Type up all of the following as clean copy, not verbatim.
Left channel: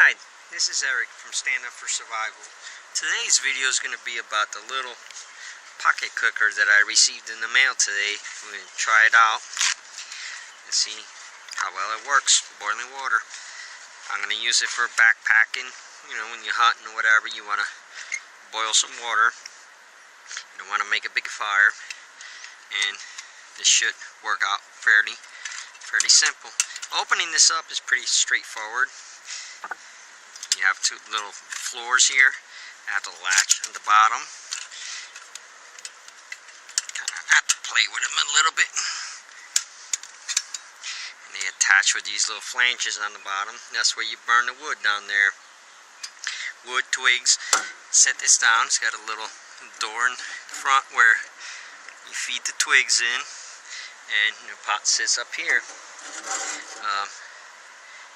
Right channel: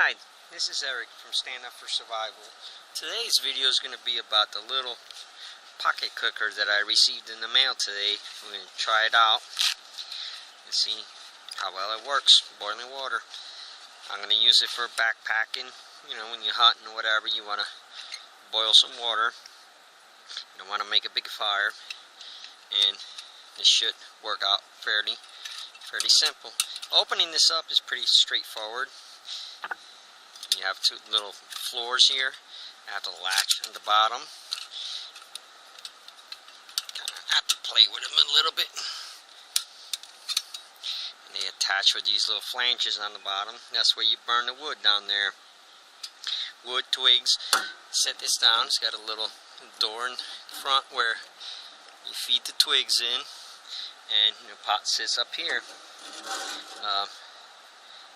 Hi, this is Eric from Stand Up for Survival. Today's video is going to be about the little pocket cooker that I received in the mail today. I'm going to try it out and see how well it works. Boiling water. I'm going to use it for backpacking. You know, when you're hunting or whatever, you want to boil some water. You don't want to make a big fire. And this should work out fairly simple. Opening this up is pretty straightforward. You have two little floors here. I have the latch on the bottom. Kind of have to play with them a little bit. And they attach with these little flanges on the bottom. That's where you burn the wood down there. Wood, twigs. Set this down. It's got a little door in front where you feed the twigs in. And your pot sits up here.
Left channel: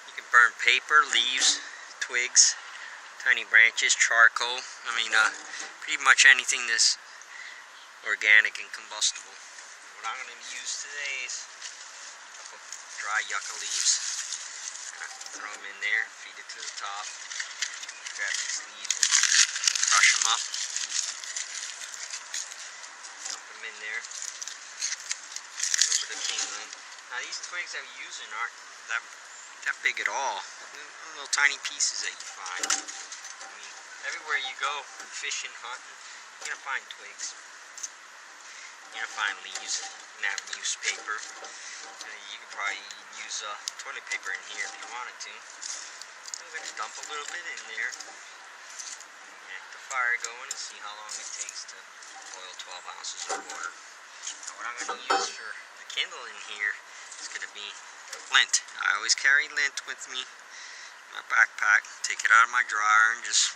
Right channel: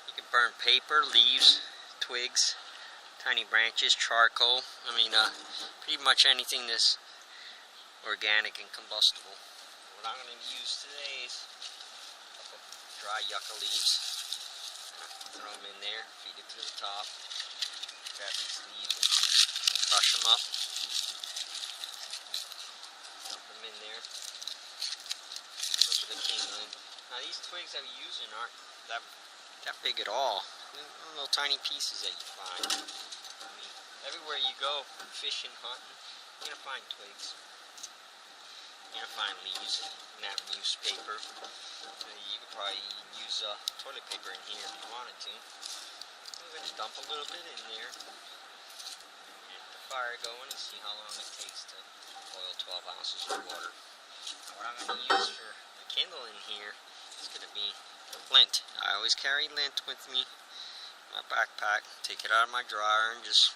You can burn paper, leaves, twigs, tiny branches, charcoal. I mean, pretty much anything that's organic and combustible. What I'm going to use today is a couple dry yucca leaves. Throw them in there, feed it to the top. Grab these leaves and crush them up. Dump them in there. Over the kindling. Now these twigs I'm using aren't that big at all. Little tiny pieces that you find. I mean, everywhere you go, fishing, hunting, you're gonna find twigs. You're gonna find leaves, nap newspaper. You could probably use toilet paper in here if you wanted to. I'm gonna dump a little bit in there. Get the fire going and see how long it takes to boil 12 ounces of water. Now what I'm gonna use for the kindle in here is gonna be lint. I always carry lint with me. My backpack, take it out of my dryer and just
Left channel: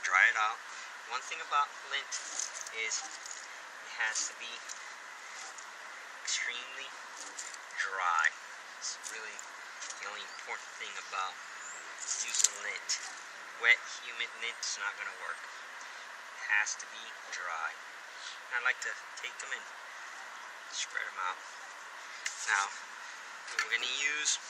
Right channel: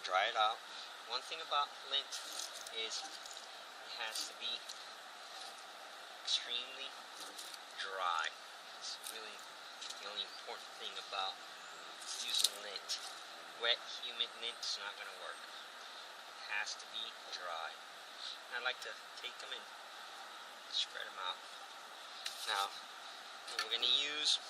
dry it out. One thing about lint is it has to be extremely dry. It's really the only important thing about using lint. Wet, humid lint is not going to work. It has to be dry. And I like to take them and spread them out. Now, what we're going to use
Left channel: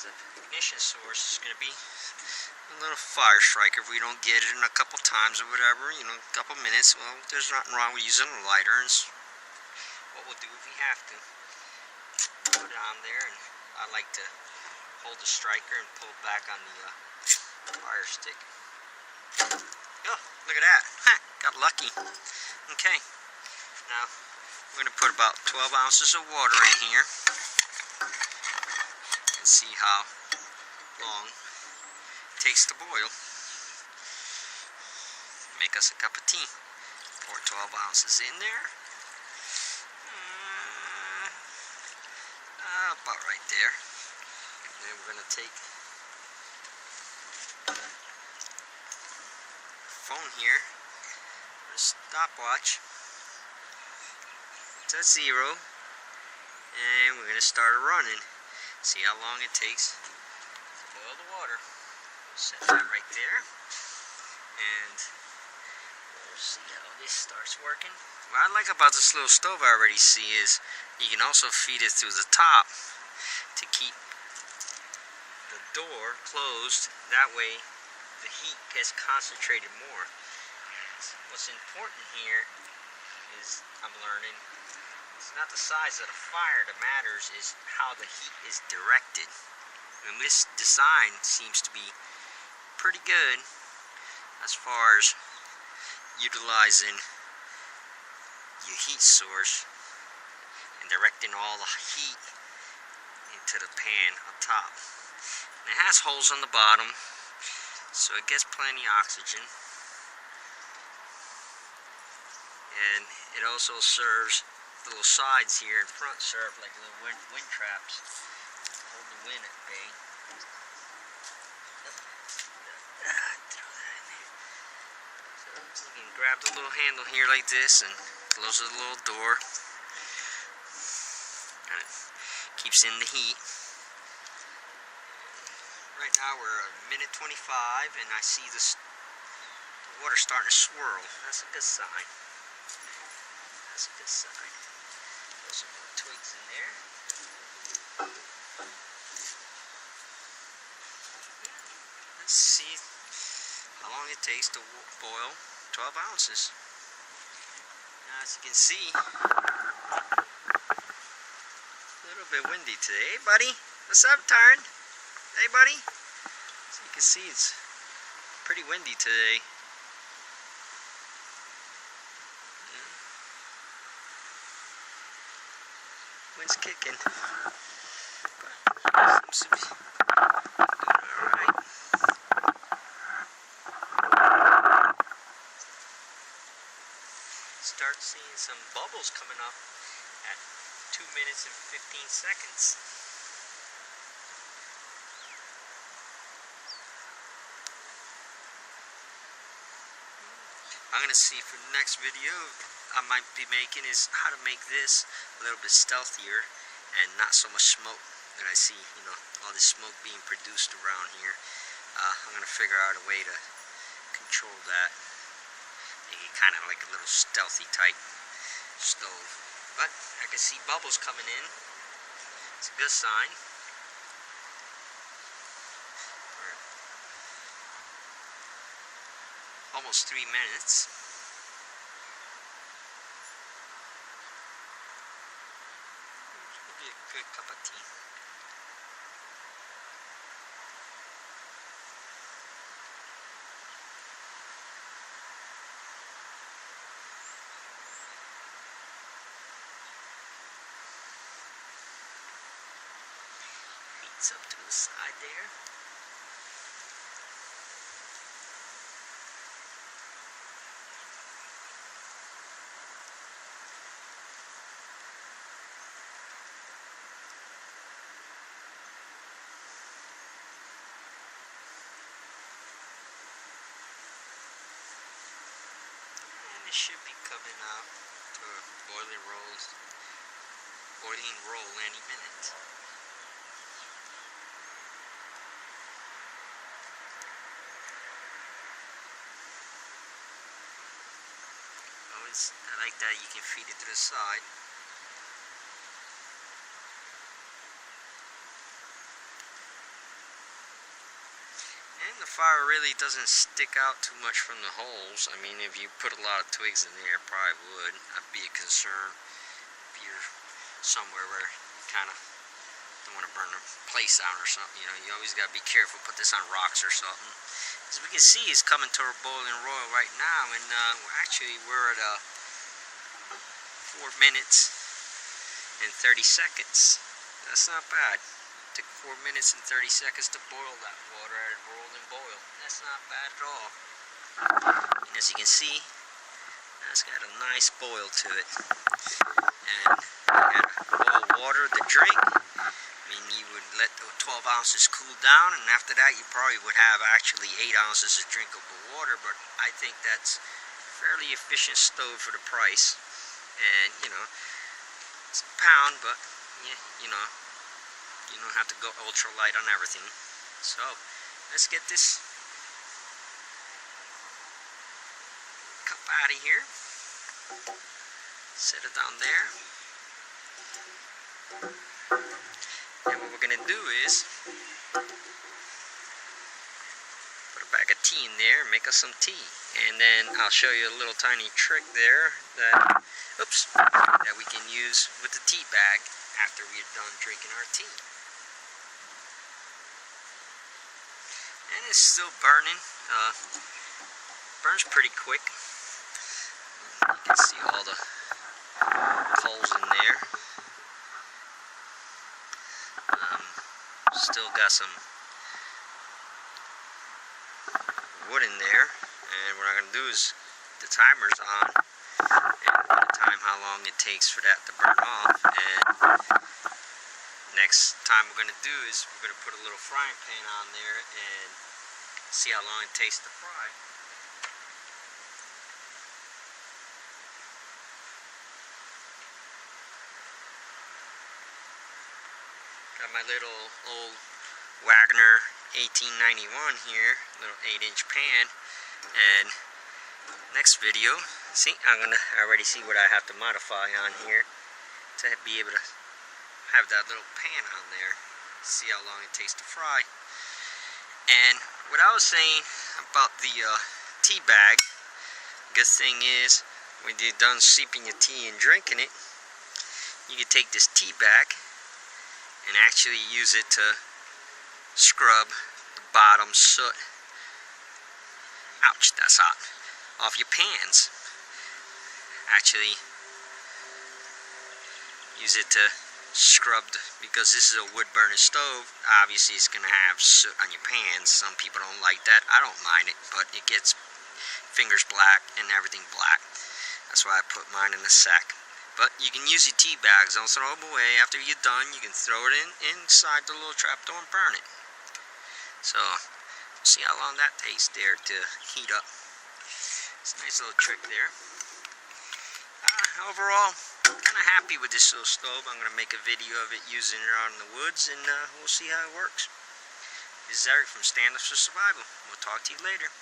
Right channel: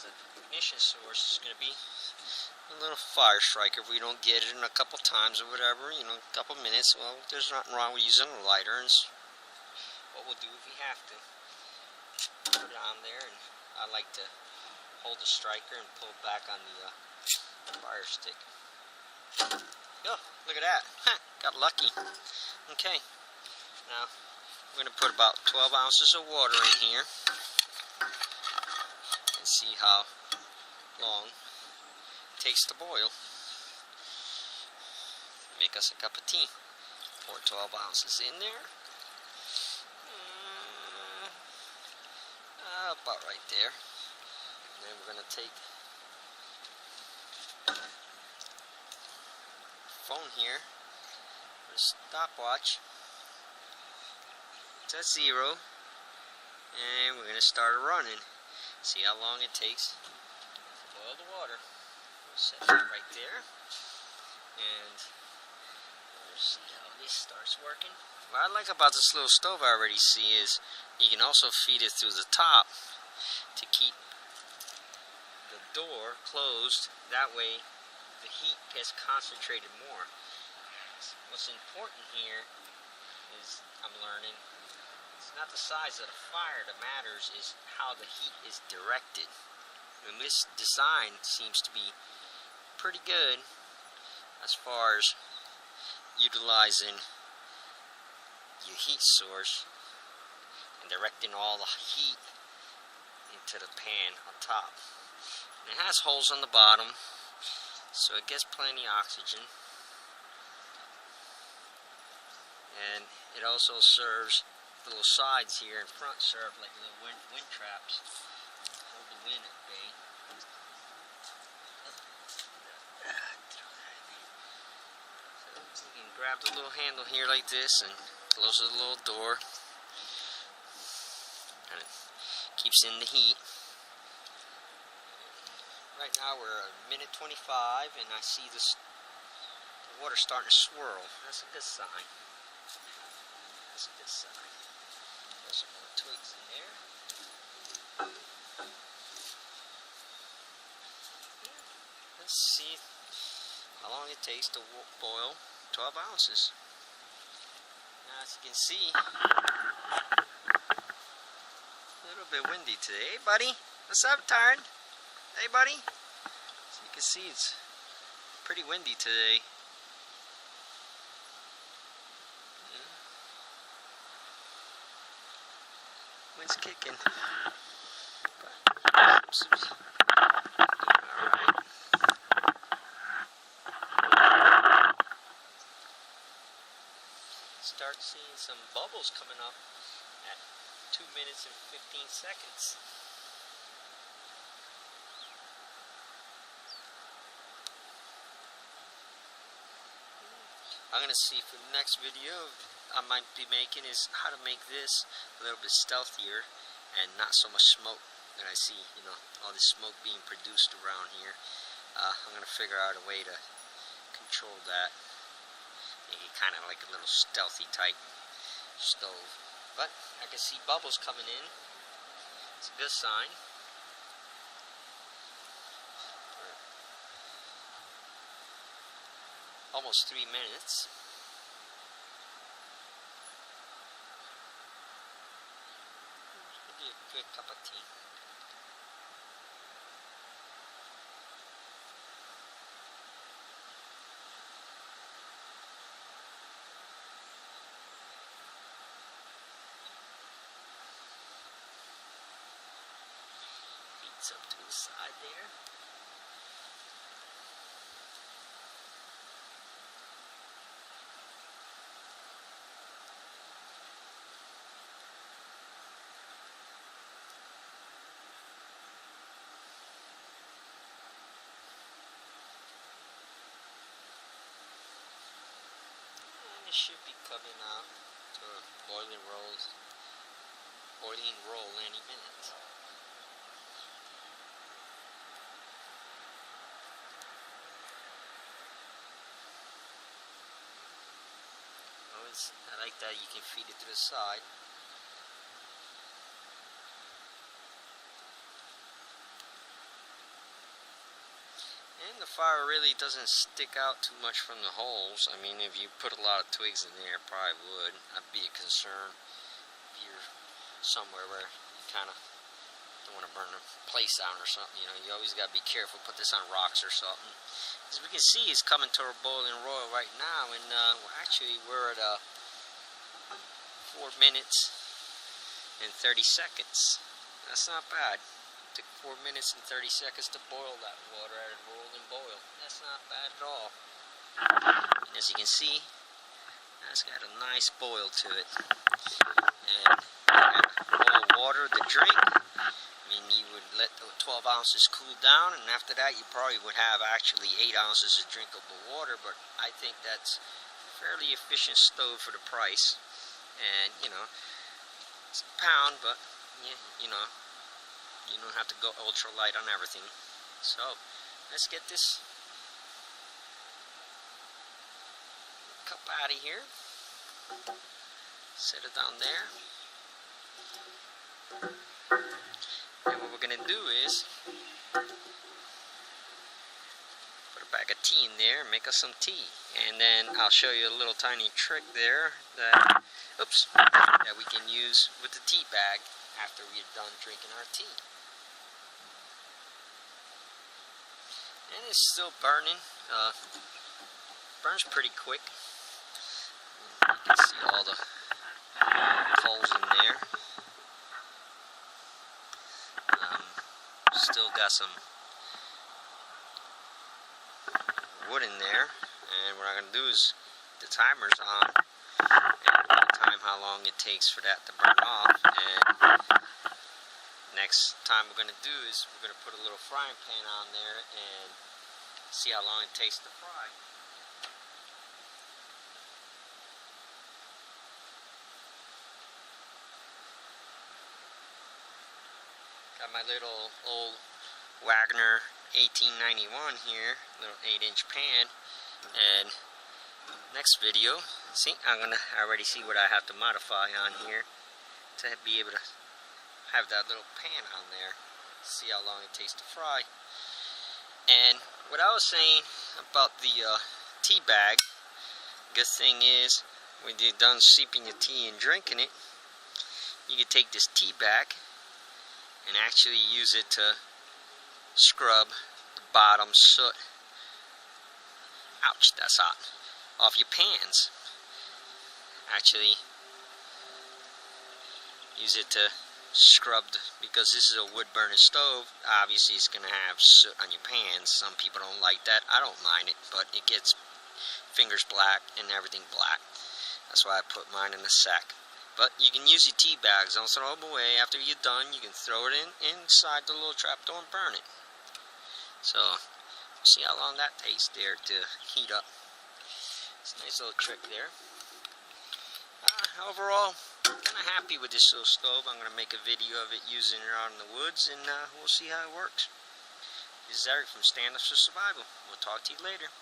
the ignition source is going to be a little fire striker. If we don't get it in a couple times or whatever, you know, a couple minutes, well, there's nothing wrong with using a lighter. And what we'll do if we have to, put it on there, and I like to hold the striker and pull back on the fire stick. Oh, look at that. Got lucky. Okay. Now, we're going to put about 12 ounces of water in here. And see how long it takes to boil. Make us a cup of tea. Pour 12 ounces in there. About right there. And then we're going to take the phone here, a stopwatch. It's at 0. And we're going to start running. See how long it takes to boil the water. We'll set that right there. And we'll see how this starts working. What I like about this little stove I already see is you can also feed it through the top to keep the door closed. That way the heat gets concentrated more. What's important here is, I'm learning, it's not the size of the fire that matters, is how the heat is directed. And this design seems to be pretty good as far as utilizing your heat source and directing all the heat into the pan on top. And it has holes on the bottom, so it gets plenty of oxygen. And it also serves, the little sides here in front serve like little wind traps. Hold the wind at bay. So you can grab the little handle here like this and close the little door. And it keeps in the heat. Right now we're at 1:25 and I see the water starting to swirl. That's a good sign. That's a good sign. Throw some more twigs in there. see how long it takes to boil 12 ounces. Now, as you can see, a little bit windy today. Hey, buddy, what's up, Tard? Hey, buddy. So you can see it's pretty windy today. Wind's kicking. But seems to be alright. Start seeing some bubbles coming up at 2 minutes and 15 seconds. I'm gonna see for the next video I might be making is how to make this a little bit stealthier and not so much smoke that I see, you know, all this smoke being produced around here. I'm gonna figure out a way to control that. Make it kind of like a little stealthy type stove. But I can see bubbles coming in. It's a good sign. Almost 3 minutes. It'll be a good cup of tea. Heats up to the side there. It should be coming out to a boiling roll any minute. Always, I like that you can feed it to the side. And the fire really doesn't stick out too much from the holes. I mean, if you put a lot of twigs in there, it probably would. That'd be a concern if you're somewhere where you kind of don't want to burn the place down or something. You know, you always got to be careful. Put this on rocks or something. As we can see, it's coming to a boiling roll right now, and we're at 4 minutes and 30 seconds. That's not bad. Took 4 minutes and 30 seconds to boil that water at a rolling boil. That's not bad at all. And as you can see, that's got a nice boil to it. And you got boiled water to drink. I mean, you would let the 12 ounces cool down, and after that you probably would have actually 8 ounces of drinkable water, but I think that's a fairly efficient stove for the price. And, you know, it's a pound, but, yeah, you know, you don't have to go ultra light on everything. So, let's get this cup out of here. Set it down there. And what we're going to do is put a bag of tea in there and make us some tea. And then I'll show you a little tiny trick there that, that we can use with the tea bag after we're done drinking our tea. And it's still burning. Burns pretty quick. You can see all the holes in there. Still got some wood in there. And what I'm going to do is, the timer's on. And time how long it takes for that to burn off. And next time we're going to do is we're going to put a little frying pan on there and see how long it takes to fry. Got my little old Wagner 1891 here, little 8-inch pan. And next video, see, I already see what I have to modify on here to be able to have that little pan on there. See how long it takes to fry. And what I was saying about the tea bag, good thing is when you're done sipping your tea and drinking it, you can take this tea bag and actually use it to scrub the bottom soot, ouch, that's hot, off your pans. Actually use it to scrub, because this is a wood burning stove, obviously it's going to have soot on your pans. Some people don't like that. I don't mind it, but it gets fingers black and everything black. That's why I put mine in a sack. But you can use your tea bags, don't throw them away. After you're done, you can throw it inside the little trapdoor and burn it. So see how long that takes there to heat up. It's a nice little trick there. Overall, kind of happy with this little stove. I'm going to make a video of it using it out in the woods, and we'll see how it works. This is Eric from Stand Up for Survival. We'll talk to you later.